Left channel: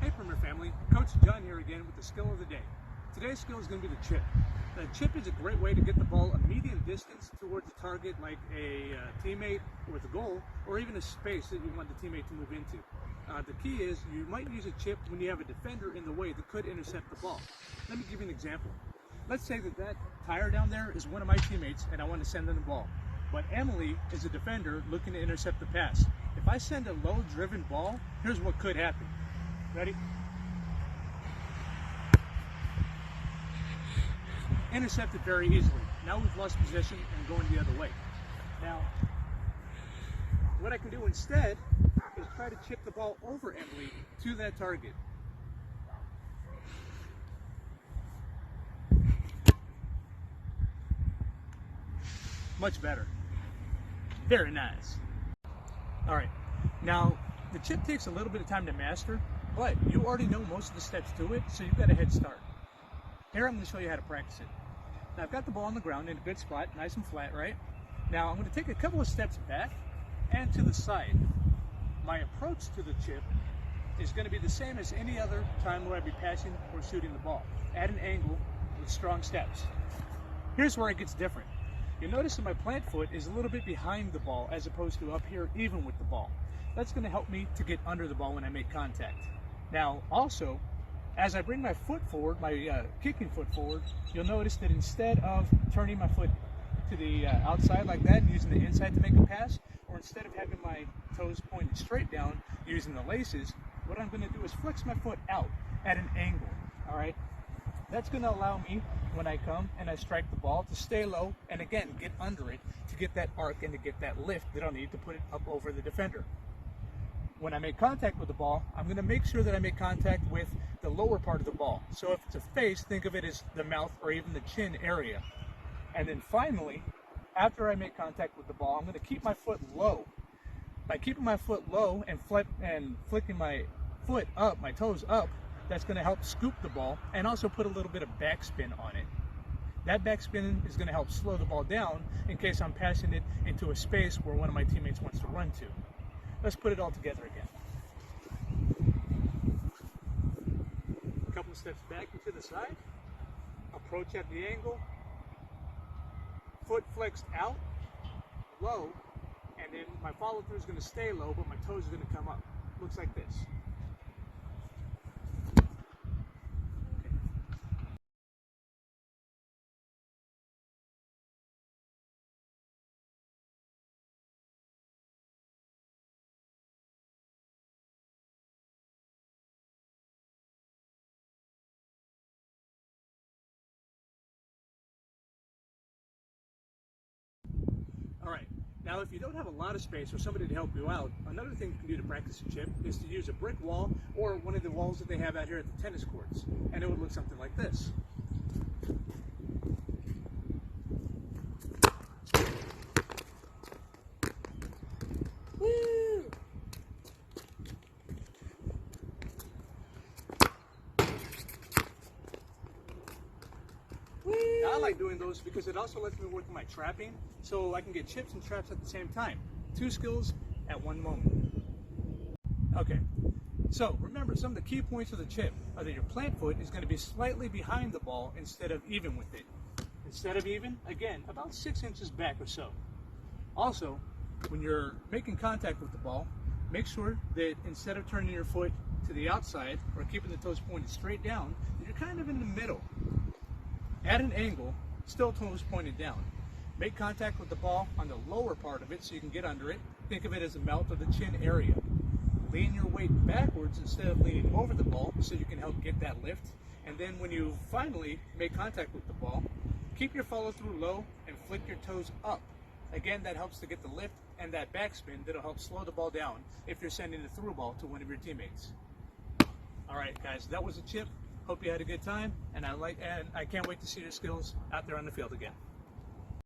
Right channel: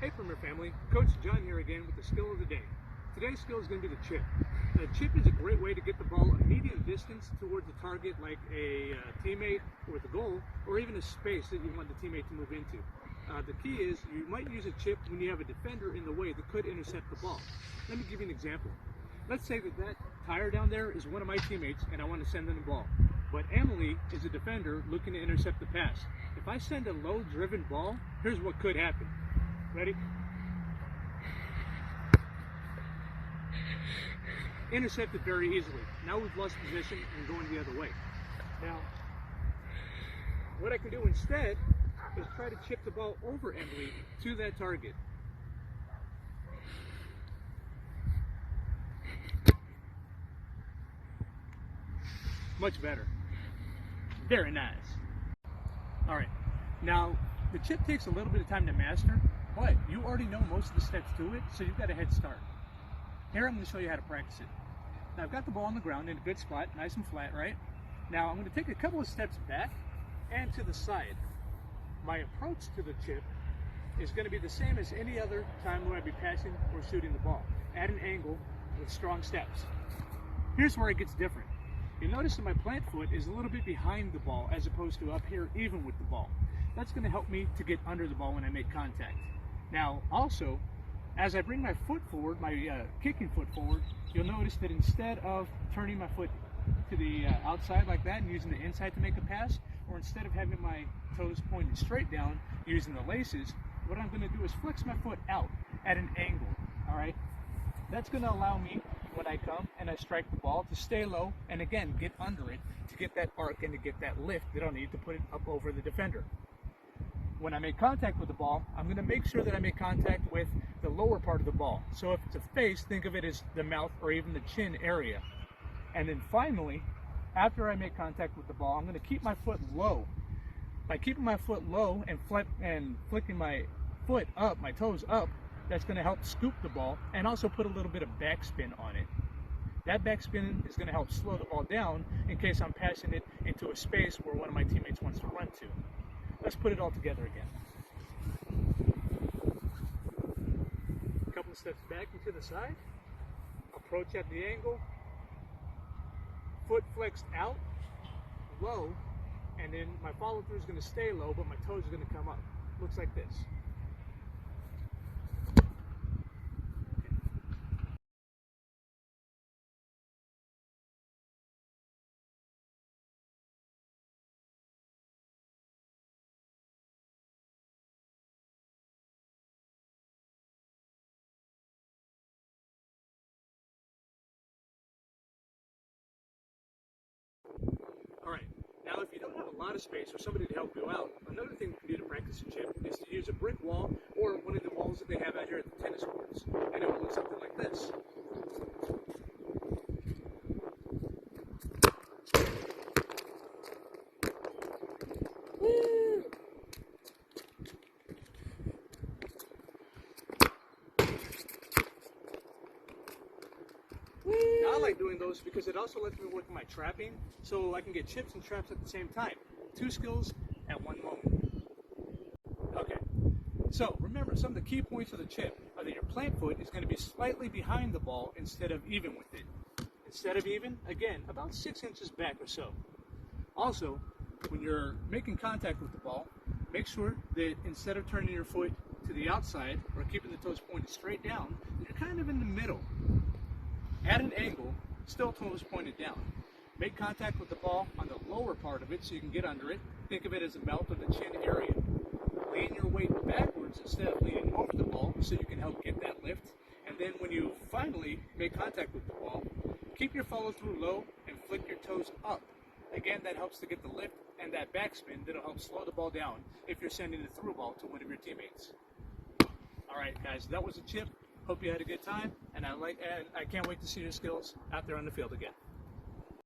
Hey Premier family, Coach John here again with the skill of the day. Today's skill is going to be the chip. A chip is a great way to get the ball a medium distance towards a target like a teammate with a goal, or even a space that you want the teammate to move into. The key is you might use a chip when you have a defender in the way that could intercept the ball. Let me give you an example. Let's say that tire down there is one of my teammates and I want to send them the ball. But Emily is a defender looking to intercept the pass. If I send a low-driven ball, here's what could happen. Ready? Intercepted very easily. Now we've lost position and going the other way. Now, what I can do instead is try to chip the ball over Emily to that target. Much better. Very nice. All right. Now, the chip takes a little bit of time to master, but you already know most of the steps to it, so you've got a head start. Here I'm going to show you how to practice it. Now I've got the ball on the ground in a good spot, nice and flat, right? Now I'm going to take a couple of steps back and to the side. My approach to the chip is going to be the same as any other time where I'd be passing or shooting the ball, at an angle with strong steps. Here's where it gets different. You'll notice that my plant foot is a little bit behind the ball as opposed to up here even with the ball. That's going to help me to get under the ball when I make contact. Now also, as I bring my foot forward, my kicking foot forward, you'll notice that instead of turning my foot to the outside like that, using the inside to make a pass, or instead of having my toes pointed straight down, using the laces, what I'm going to do is flex my foot out at an angle, all right? That's going to allow me, when I come and I strike the ball, to stay low and again, get under it to get that arc and to get that lift that I'll need to put it up over the defender. When I make contact with the ball, I'm going to make sure that I make contact with the lower part of the ball. So if it's a face, think of it as the mouth or even the chin area. And then finally, after I make contact with the ball, I'm going to keep my foot low. By keeping my foot low and flicking my foot up, my toes up, that's going to help scoop the ball and also put a little bit of backspin on it. That backspin is going to help slow the ball down in case I'm passing it into a space where one of my teammates wants to run to. Let's put it all together again. A couple of steps back and to the side. Approach at the angle. Foot flexed out, low, and then my follow through is going to stay low, but my toes are going to come up. Looks like this. All right, now if you don't have a lot of space or somebody to help you out, another thing you can do to practice a chip is to use a brick wall or one of the walls that they have out here at the tennis courts. And it will look something like this. Woo! Now, I like doing those because it also lets me work on my trapping, so I can get chips and traps at the same time. Two skills at one moment. Okay, so remember, some of the key points of the chip are that your plant foot is going to be slightly behind the ball instead of even with it. Instead of even, again, about 6 inches back or so. Also, when you're making contact with the ball, make sure that instead of turning your foot to the outside or keeping the toes pointed straight down, you're kind of in the middle. At an angle, still toes pointed down. Make contact with the ball on the lower part of it so you can get under it. Think of it as the mouth or the chin area. Lean your weight backwards instead of leaning over the ball so you can help get that lift. And then when you finally make contact with the ball, keep your follow through low and flick your toes up. Again, that helps to get the lift and that backspin that'll help slow the ball down if you're sending a through ball to one of your teammates. All right, guys, that was a chip. Hope you had a good time, and I can't wait to see your skills out there on the field again.